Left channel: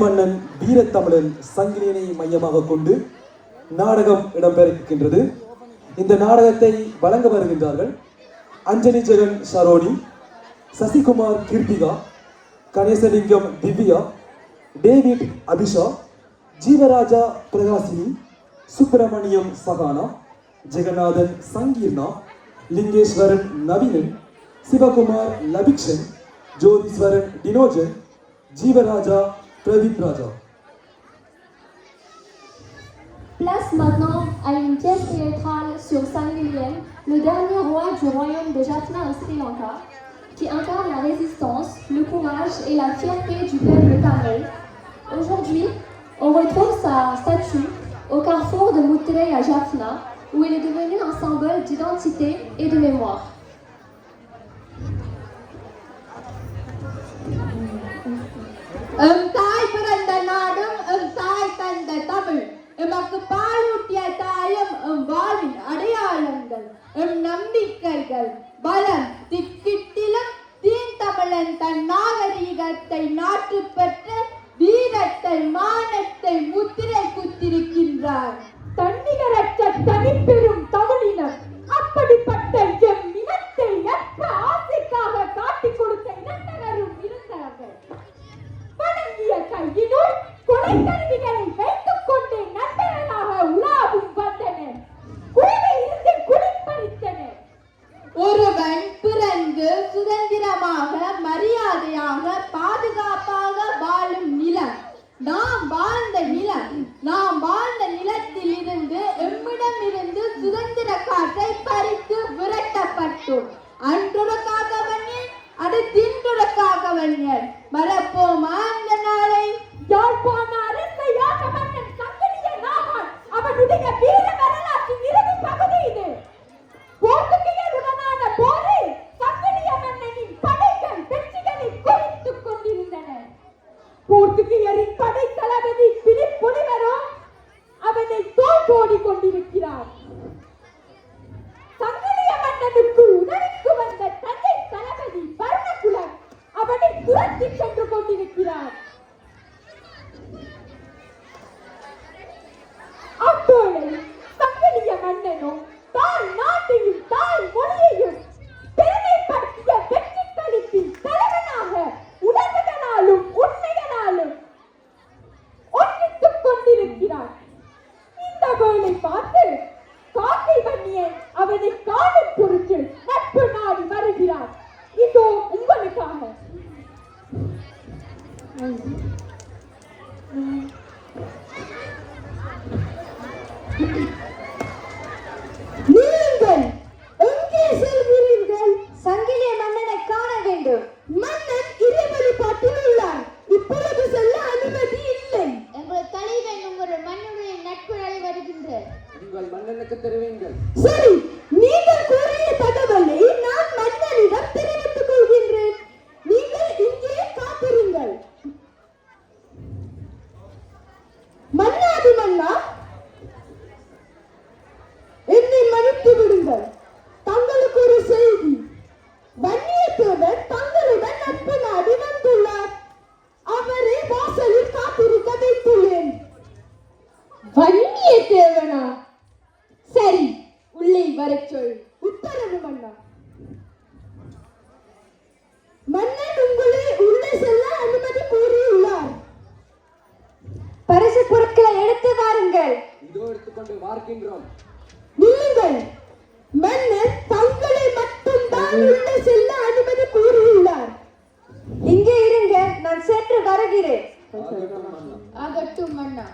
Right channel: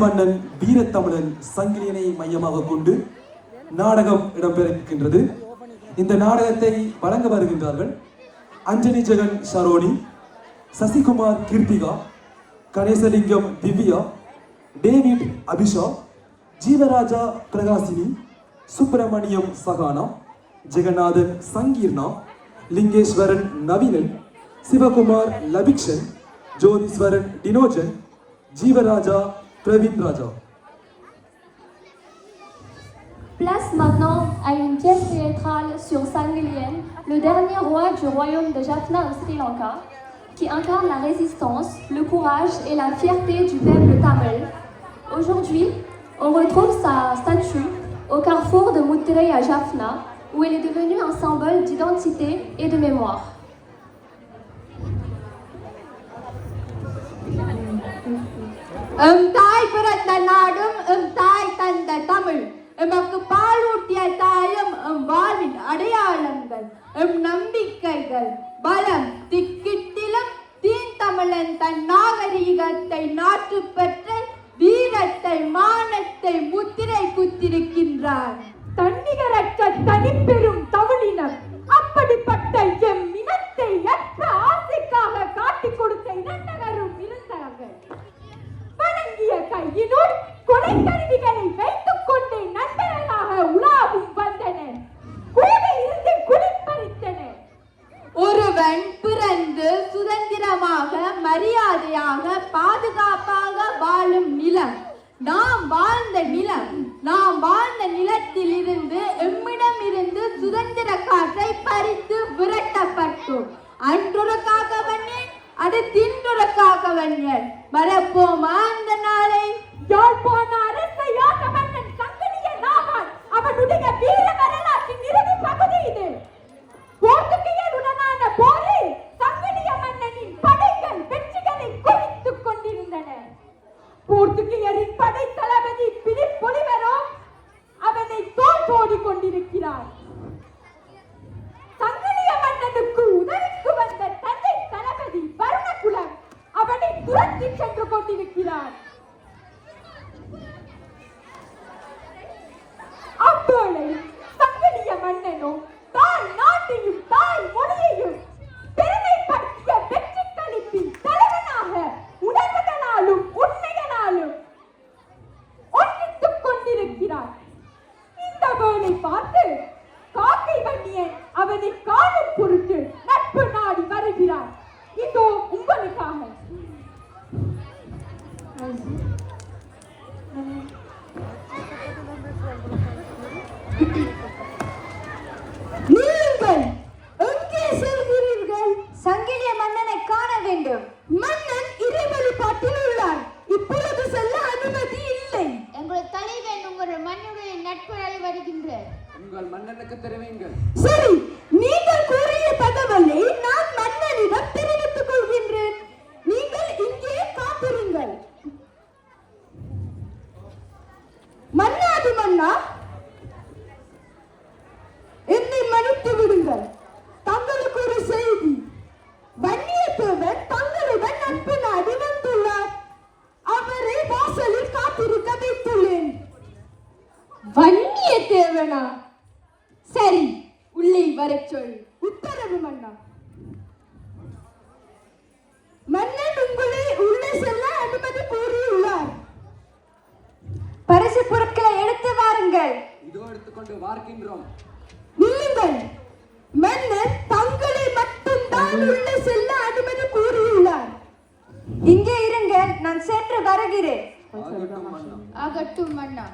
மன்னன் வீரத்தமிழன் சங்கிலியனை மையமாக கொண்டு நாடகம் இடம்பெறுகின்றது இந்த நாடகத்தை வழங்க வருகின்றார்கள் Anjali Jegan Saroni Sasikumar Keerthika Ganeshalingam Divya David Abisha Jeevaraja Prakasini Subramaniam Sahana Jeganathan Sangeerna Lingeswaran Naveenan Sivakumar Labikshan Jotheeswaran Dinojan Jeevaraja Plovit Raja. Place maintenant à une pièce théâtrale sur Sanwilien, le dernier roi du royaume de Jaffna au Sri Lanka, qui incarne la résistance, le courage et la fierté du peuple tamil. Aujourd'hui, on retrouve sa statue au carrefour de Muttere à Jaffna, où elle est devenue un symbole d'identité et de mémoire. தனிப்பெரும் தமிழினம் அப்படிப்பட்ட M இனத்தை அற்ற ஆசைக்காக காட்டிக் கொடுத்த இனத்தவரும் இருந்தார்கள். வழங்கிய கையினுள் கொலை கருவி mulher. Maravilhosa. கொண்டிருக்கிறார். அப்போது சங்கடிய மன்னனும் தாய் நாட்டையும் தாய் மொழியையும் பெருமைப்படுத்திய வெற்றி தலைவனாக உணர்வுகளாலும் உண்மைகளாலும் ஒன்றித்துக் கொண்டிருக்கிறார். இந்த வேலை பார்த்து காக்கை வன்னியன் அவனை காணும் நீங்கள் எங்கே செல்கிறீர்கள்? சங்கிலிய மன்னனை காண வேண்டும். மன்னன் இறைவழிபாட்டில் உள்ளார் இப்பொழுது செல்ல அனுமதி இல்லை. எங்கள் தலைவன் உங்கள் மண்ணுடைய நட்புறவை வருகின்றார் உங்கள் மன்னனுக்கு தெரிவிங்கள் சரி வன்னியத்தேவனா சரி உள்ளே வரச் சொல். உத்தரவு மன்னா. மன்னன் உங்களை உள்ளே செல்ல அனுமதி கூறியுள்ளார். பரிசு பொருட்களை எடுத்து வாருங்கள். இதோ எடுத்துக்கொண்டு பார்க்கின்றோம் நில்லுங்கள் மன்னன் தங்களை மட்டும்தான் உள்ளே செல்ல அனுமதி கூறியுள்ளார். இங்கே இருங்க நான் சென்று வருகிறேன். ஆகட்டும் மன்னா.